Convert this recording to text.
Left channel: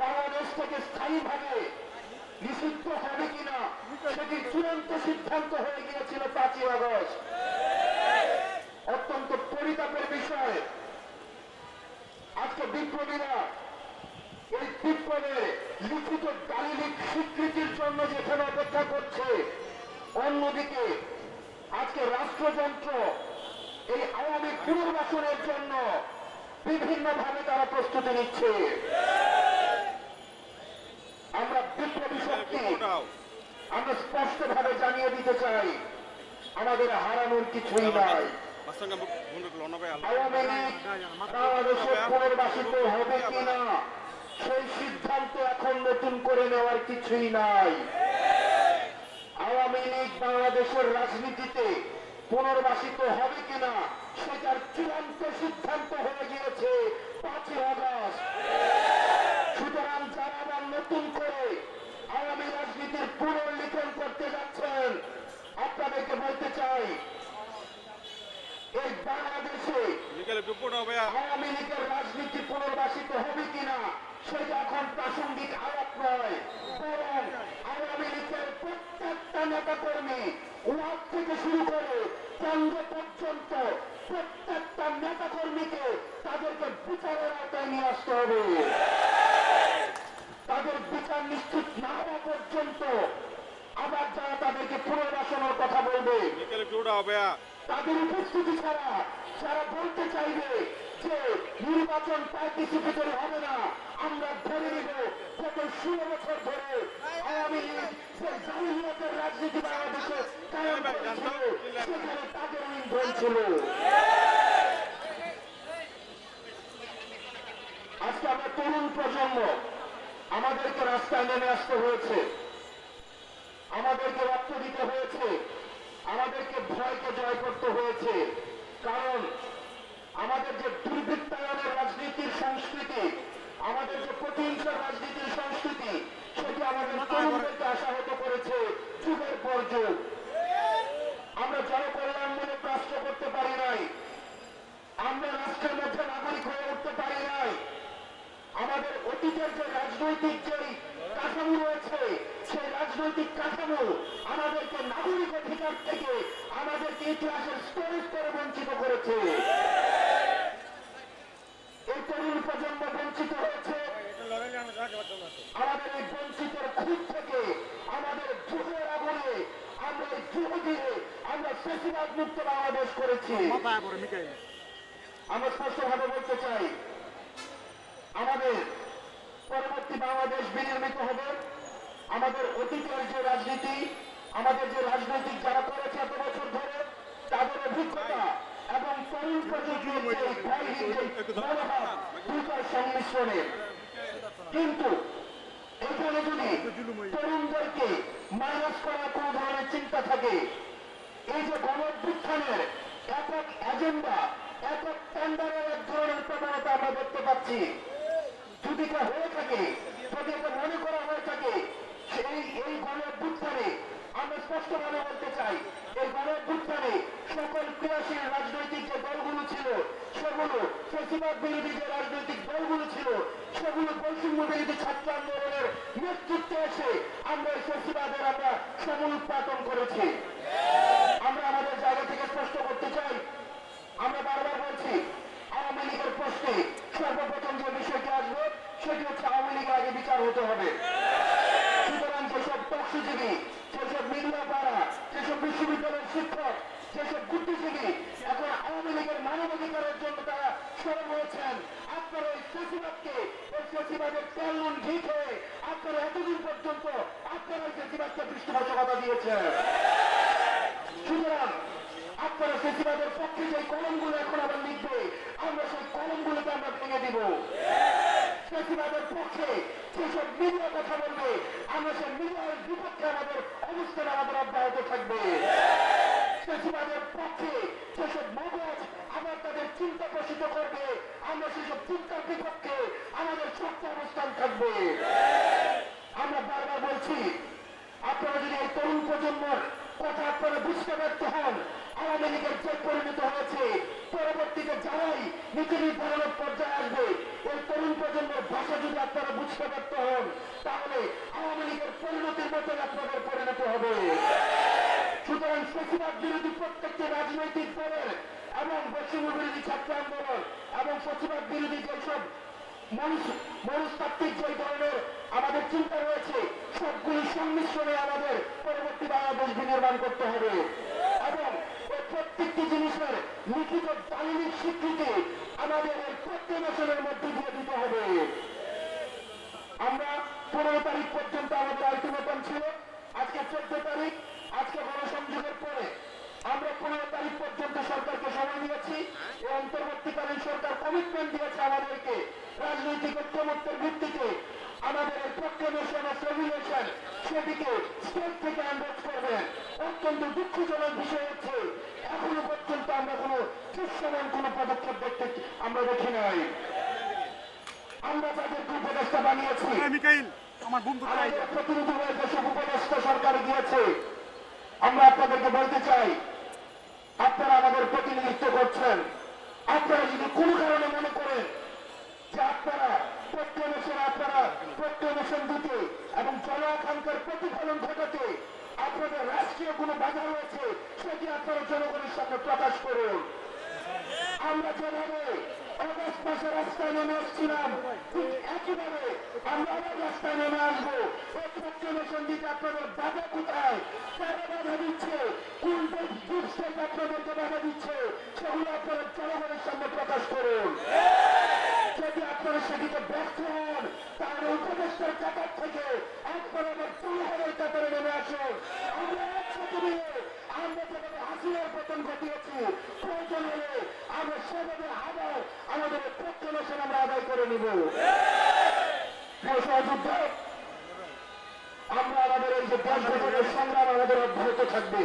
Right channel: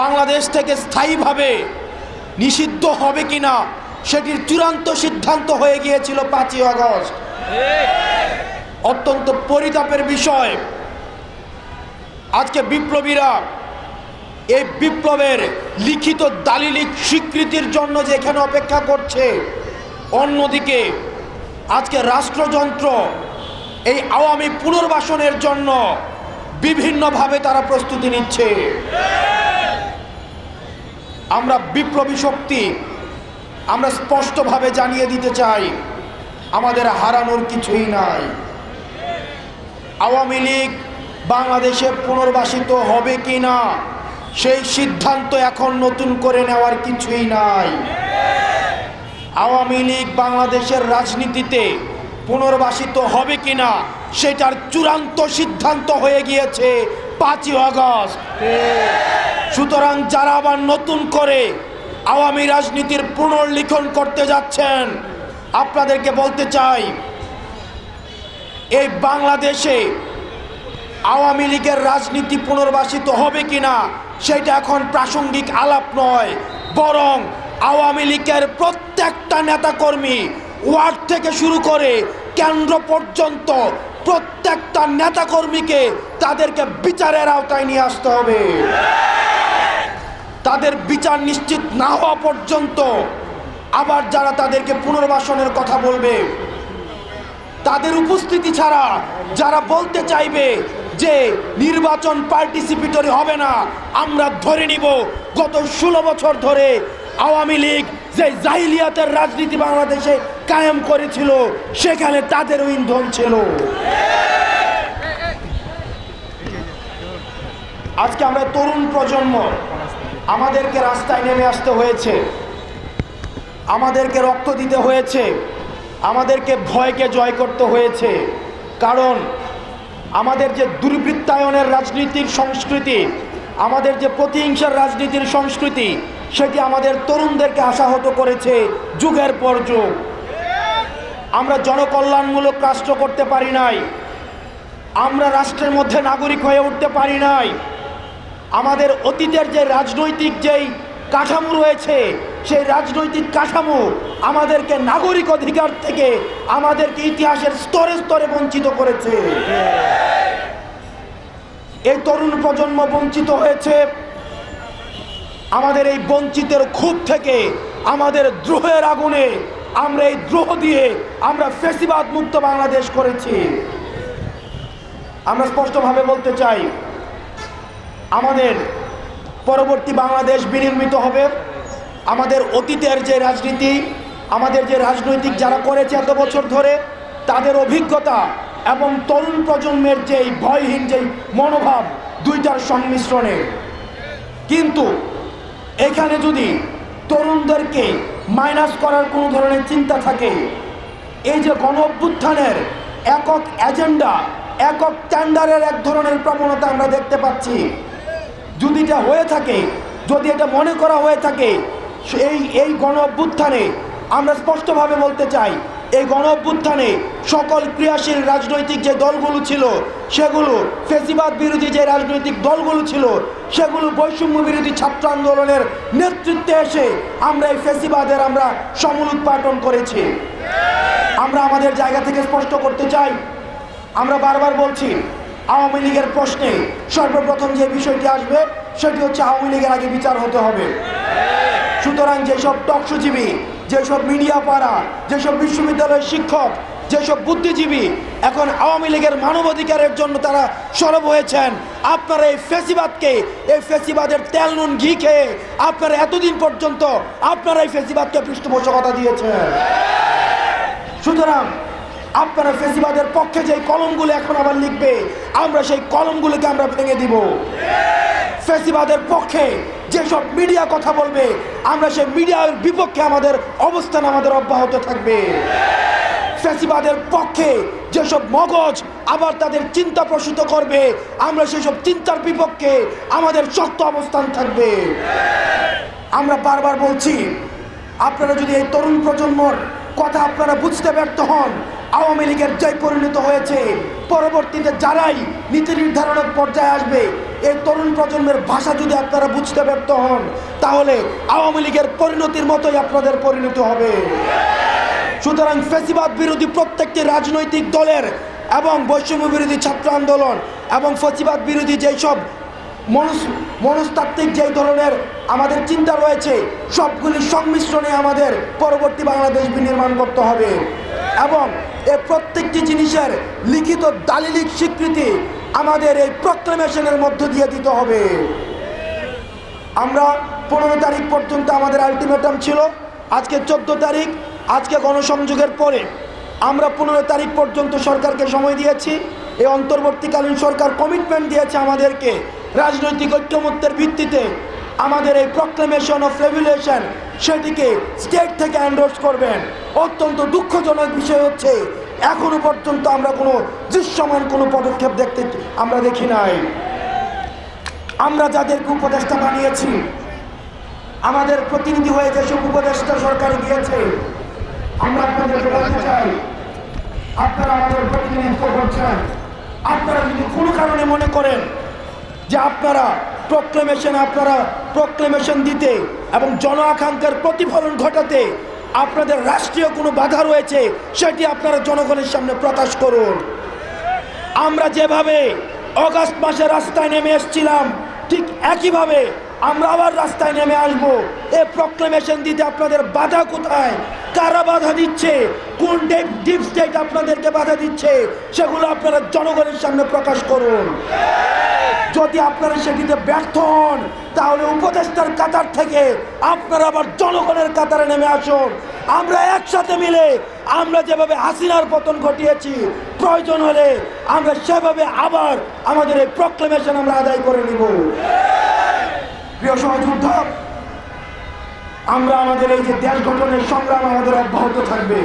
বাংলাদেশ থেকে স্থায়ীভাবে নিষিদ্ধ হবে কিনা সেটির চূড়ান্ত সিদ্ধান্ত হয়ে গিয়েছিল 5ই আগস্ট। অত্যন্ত পরিতাপের বিষয়, আজকে বিপ্লবীরা এই বিপ্লবের লিখিত দালিলিক স্বীকৃতির জন্য যে এখানে অপেক্ষা করছে, অন্যদিকে আজকে রাষ্ট্রযন্ত্র এই আওয়ামী পুনর্বাসনের জন্য বিভিন্নভাবে তারা প্রস্তুতি নিচ্ছে। আমরা বিপ্লবী শক্তি আমরা স্পষ্টভাবে জানিয়ে দিতে চাই, আমাদের হারানোর কিছুই নাই। আওয়ামী লীগ বাংলাদেশে পুনর্বাসিত হবে কিনা সেই সিদ্ধান্ত এখন নতুন করে নেওয়ার কিছুই নাই। আওয়ামী লীগ বাংলাদেশের রাজনীতিতে পুনর্বাসিত হবে কিনা সেটার চূড়ান্ত সিদ্ধান্ত হয়ে গিয়েছে 5ই আগস্ট। সুতরাং যারা আবার নতুন করে আওয়ামী রাজনীতির পুনর্লিখন করতে যাচ্ছেন, আপনাদেরকে বলতে চাই, এই বাংলাদেশে আওয়ামী লীগের রাজনীতি পুনর্বাসিত হবে কিনা সেটা এখন প্রাসঙ্গিক আলাপ নয়, বরং আওয়ামী লীগের প্রত্যেকটা নেতাকর্মী ওয়ার্ড থেকে শুরু করে কেন্দ্র পর্যন্ত প্রত্যেকটা নেতাকর্মীকে তাদেরকে বিচারের আওতায় নিয়ে আসতে হবে। তাদের বিচার নিশ্চিত না হওয়া পর্যন্ত আবার যারা তাদেরকে পুনর্বাসনের কথা বলবে, তাদের উপস্থিতি ছাড়া যারা বলতে চাইবে যে নির্বাচন পার্টিসিপেটরি হবে না, আমরা ধরে নিব গত 16 বছর ধরে আওয়ামী লীগ যে জাহিলিয়াতের রাজনীতি বাংলাদেশে কায়েম করেছিল সেখানে তাদেরও ইন্ধন ছিল। আজকে আমরা তরুণ প্রজন্ম, আমাদেরকে রাস্তায় নেমে আসতে হয়েছে, আমাদেরকে রক্ত দিতে হয়েছে, আমাদেরকে ভয়কে জয় করতে হয়েছে। কারণ আমাদের যে দুর্বৃত্তায়নের রাজনীতির সংস্কৃতি, আমাদের যে প্রতিহিংসার রাজনীতির সংস্কৃতি, সেটি আমাদের তরুণদেরকে আশাহত করেছে যুগের পর যুগ। আমরা জনকল্যাণমূলক রাষ্ট্র করতে পারি নাই, আমরা রাষ্ট্রের মধ্যে নাগরিক হয়ে উঠতে পারি নাই। আমাদের অতীতের যে রাজনৈতিক যেই কাঠামো রয়েছে, সেই রাজনৈতিক কাঠামো আমাদেরকে নাগরিক অধিকার থেকে আমাদেরকে ইতিহাসের স্তরে স্তরে বঞ্চিত করেছে। এই তরুণ প্রজন্ম বঞ্চিত হয়েছে। আমাদের এই বঞ্চিতের ক্ষোভ থেকে, আমাদের দ্রোহের আগুনে, আমরা এই দ্রোহ দিয়ে আমরা ফ্যাসিবাদ মুক্ত বাংলাদেশ করেছি। আমরা স্পষ্টভাবে বলতে চাই, আমাদের পরবর্তী বাংলাদেশ বিনির্মিত হবে আমাদের অতীতের যে রাজনীতি, আমাদের যে রাজনৈতিক যারা করেছে এত বছর ধরে, তাদের অভিজ্ঞতা এবং তরুণ প্রজন্মের যেই ভয়হীন যেই মনোভাব, দুইটার সংমিশ্রণে। কিন্তু এখানে যদি তরুণদেরকে মাইনাস করার কোনো ধরনের চিন্তা থাকে, এই যে গণ অভ্যুত্থানের একক এজেন্ডা, একক টেন্ডারের এক ধরনের প্রবণতা আমরা দেখতে পাচ্ছি, যদি এটা হয়ে থাকে, যদি এটা মনে করা হয়ে থাকে, এই গণ অভ্যুত্থানে আমরা স্পষ্টভাবে বলতে চাই, এই গণ অভ্যুত্থানে সকল ক্রিয়াশীল রাজনৈতিক যে দলগুলো ছিল, সেগুলো ফ্যাসিবাদ বিরোধী যে রাজনৈতিক দলগুলো ছিল, সেগুলো বৈষম্য বিরোধী ছাত্র আন্দোলনের নেতৃত্বে এসে আমরা এই ফ্যাসিবাদের আমরা সমূল উৎপাদন করেছি। আমরা আমাদের জায়গা থেকে স্পষ্ট করতে চাই, আমরা বারবার বলছি, আওয়ামী লীগের প্রশ্নে সর্বপ্রথম যে বিষয়টি আসবে সেটি হচ্ছে আওয়ামী লীগের আগে বিচার হতে হবে। সুতরাং যেসব টকশোজীবী, যেসব মিডিয়া পাড়া, যেসব বিশ্ববিদ্যালয়ের শিক্ষক, যেসব বুদ্ধিজীবী এখন আওয়ামী লীগের মানবাধিকারের জন্য তারা সরব হয়েছেন, আপনারা এই ফ্যাসিবাদকে, এই ফ্যাসিবাদের তেল নুন ঘি খেয়ে আপনারা এতদিন পর্যন্ত আপনারা এই ফ্যাসিবাদকে পৃষ্ঠপোষকতা দিয়েছেন। সুতরাং আপনারা ফ্যাসিবাদের পক্ষে যে কলমগুলো এখন আবার লিখবে, আমরা সেই কলমগুলোকে আমরা ভেঙে দিব। ফ্যাসিবাদের পক্ষে যেসব মিডিয়া কথা বলবে, আমরা সেই মিডিয়ার বিপক্ষে আমাদের অবস্থান আমাদের অব্যাহত থাকবে। ফ্যাসিবাদের পক্ষে যেসব মগজ আবার তাদের চিন্তা প্রসূত করবে, আমরা সেসব চিন্তার বিপক্ষে আমাদের শক্ত অবস্থান থাকবে। আমরা বারবার বলছি, আপনারা যদি এই তরুণ প্রজন্মর কথা আপনারা বুঝতে ব্যর্থ হন, আওয়ামী লীগের যে পরিণত হয়েছে পরবর্তীতে যারাই নীতি নির্ধারণের পর্যায়ে আসবে এই তরুণ প্রজন্মের ভাষা যদি আপনারা বুঝতে ব্যর্থ হন, তাহলে আওয়ামী লীগের পরিণতির মতোই আপনাদের পরিণতি হবে। সুতরাং ফ্যাসিবাদ বিরোধী প্রত্যেকটি রাজনৈতিক দলের এবং বৈষম্য বিরোধী ছাত্র আন্দোলন এবং ফ্যাসিবাদ বিরোধী যেসব মনস্তাত্ত্বিক যেই ধরনের আমাদের চিন্তা রয়েছে, সবগুলি সংমিশ্রণে আমাদের পরবর্তী বাংলাদেশ বিনির্মাণ করতে হবে এবং এই প্রত্যেকটি জিনিসের লিখিত দালিলিক স্বীকৃতি আমাদের এই প্রক্লেমেশনের মধ্য দিয়ে দিতে হবে। আমরা 15 তারিখ পর্যন্ত আমাদের আলটিমেটাম ছিল, আজকে 14 তারিখ, আজকে গণসংযোগের পরে আমরা 15 তারিখ পর্যন্ত সরকারকে সময় দিয়েছি। এই অন্তর্বর্তীকালীন সরকার কমিটমেন্ট দিয়েছে আমাদেরকে রাজনৈতিক ঐক্যমত্যের ভিত্তিতে আমাদের এই প্রক্লেমেশন অফ রেগুলেশন সেটিকে স্টেট থেকে এন্ডোর্স করবেন। অত্যন্ত দুঃখজনক বিষয় হচ্ছে এখনো পর্যন্ত আমরা কোনো দৃশ্যমান কোনো পদক্ষেপ আমরা দেখি নাই। আমরা যাদেরকে উপদেষ্টা বানিয়েছি, আমাদের প্রতিনিধি হয়ে যেসব উপদেষ্টা সরকারে গিয়েছে, আমরা আপনাদেরকে বলতে চাই, আপনারা আমাদের প্রতিনিধিত্ব করছেন। আপনারা যদি কোনো কারণে মনে করেন যে আপনারা প্রক্লেমেশন দিতে এবং জন আকাঙ্ক্ষার প্রতিফলন ঘটাতে আপনাদের রাষ্ট্রীয় কোনো বাধা রয়েছে, সেটি আপনারা জনগণের সামনে প্রকাশ করুন। আমরা যেভাবে অগাস্ট মাসে রাস্তায় নেমে এসেছিলাম, ঠিক একইভাবে আমরা আবার রাস্তায় নেমে আসবো। এই প্রক্লেমেশন দিতে আপনাদের বাধা কোথায়, কারা বাধা দিচ্ছে, কোন ডিপ স্টেট আপনাদেরকে বাধা দিচ্ছে, সেগুলো আপনারা জনগণের সামনে প্রকাশ করুন। যদি আপনারা সেটিতে ব্যর্থ হন, তাহলে উপদেষ্টার কাতার থেকে আপনারা আবার জনগণের কাতারে নেমে আসুন। আমরা একসাথে মিলে আমরা যেভাবে হাসিনার পতন ঘটিয়েছি, প্রয়োজন হলে আমরা সেভাবে আবার আমাদের এই প্রক্লেমেশন আমরা আদায় করে নিব। প্রিয় সহযোদ্ধা, আমরা আমাদের এই যে দেশ গঠনের সংগ্রাম আমাদের অব্যাহত থাকবে।